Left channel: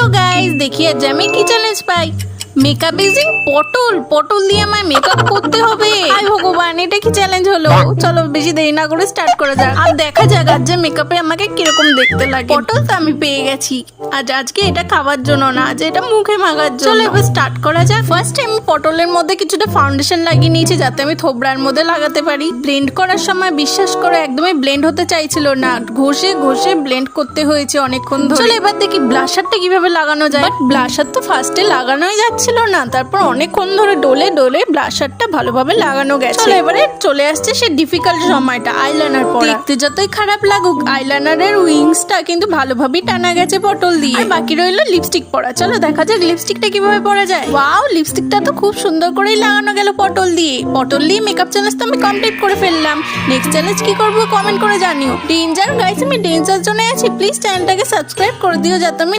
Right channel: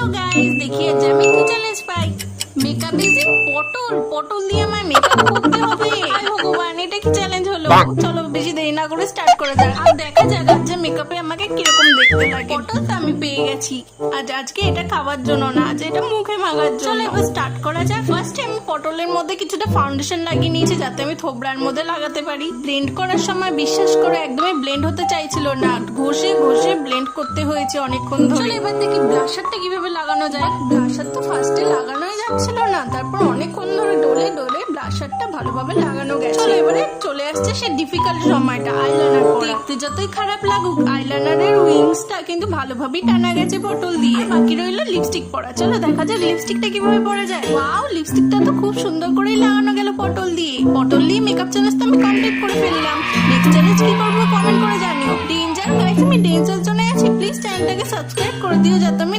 Hello guys, देखिए আজ আমি কি চ্যালেঞ্জ পাই। মেকআপ ইজিং পটল দিয়ে আমায় মেকআপ করতে হবে। আই ভগবান, এটা কি চ্যালেঞ্জ হলো? চলো বেশি দেরি না করে স্টার্ট করা যাক। আর দেখা যাক আজ যে মেকআপে আমাকে কিরকম দেখতে লাগে। পটল তো আমি পেয়ে গেছি। আজকে এটা খাওয়ার জন্য না, আজ এটা মুখে মাখার জন্য। চলো এবার স্টার্ট করা যাক। ফার্স্ট আমি পটলের মধ্যে কিছুটা ফাউন্ডেশন লাগিয়ে নিয়েছি যাতে আমি থোবড়ার মধ্যে লাগাতে পারি। ব্লেন্ড করার সময় বিশ্বাস করো একদমই ব্লেন্ড হতে চাইছিল না, ঘষে ঘষে ব্লেন্ড করতে হয়েছে অনেকক্ষণ ধরে। চলো এবার দেখি ব্লাশারটা কিভাবে লাগানো যায়। বাট ব্লাশার তো ফার্স্টে লাগানোই যাচ্ছিল না, তারপর অনেকক্ষণ ধরে ডলে ডলে ব্লাশারটা ভালোভাবে লাগানো গেছে। চলো এবারে চলে আসছে সে ডিফিকাল্ট সময়টা, আইলাইনার পরা। দেখতে যতই খারাপ লাগুক আইলাইনারের উইংসটা কিন্তু ভালোভাবেই টানা গেছে পটল দিয়ে। আর বাকি রইলো লিপস্টিক পরা। চলো দেখা যাক লিপস্টিকটা কিভাবে পরা যায়। ওয়াও, লিপস্টিকটা তো খুব সুন্দর করেই লাগানো গেল পটল দিয়ে। মেকআপ চ্যালেঞ্জ তো আমি কমপ্লিট করে ফেললাম। নেক্সট চ্যালেঞ্জ কি করবো কমেন্ট করে জানিও। ডেঞ্জার গাইস, আমি ডেঞ্জার জোনে আছি, প্লিজ চ্যানেলটাকে সাবস্ক্রাইব করে দিও যাতে আমি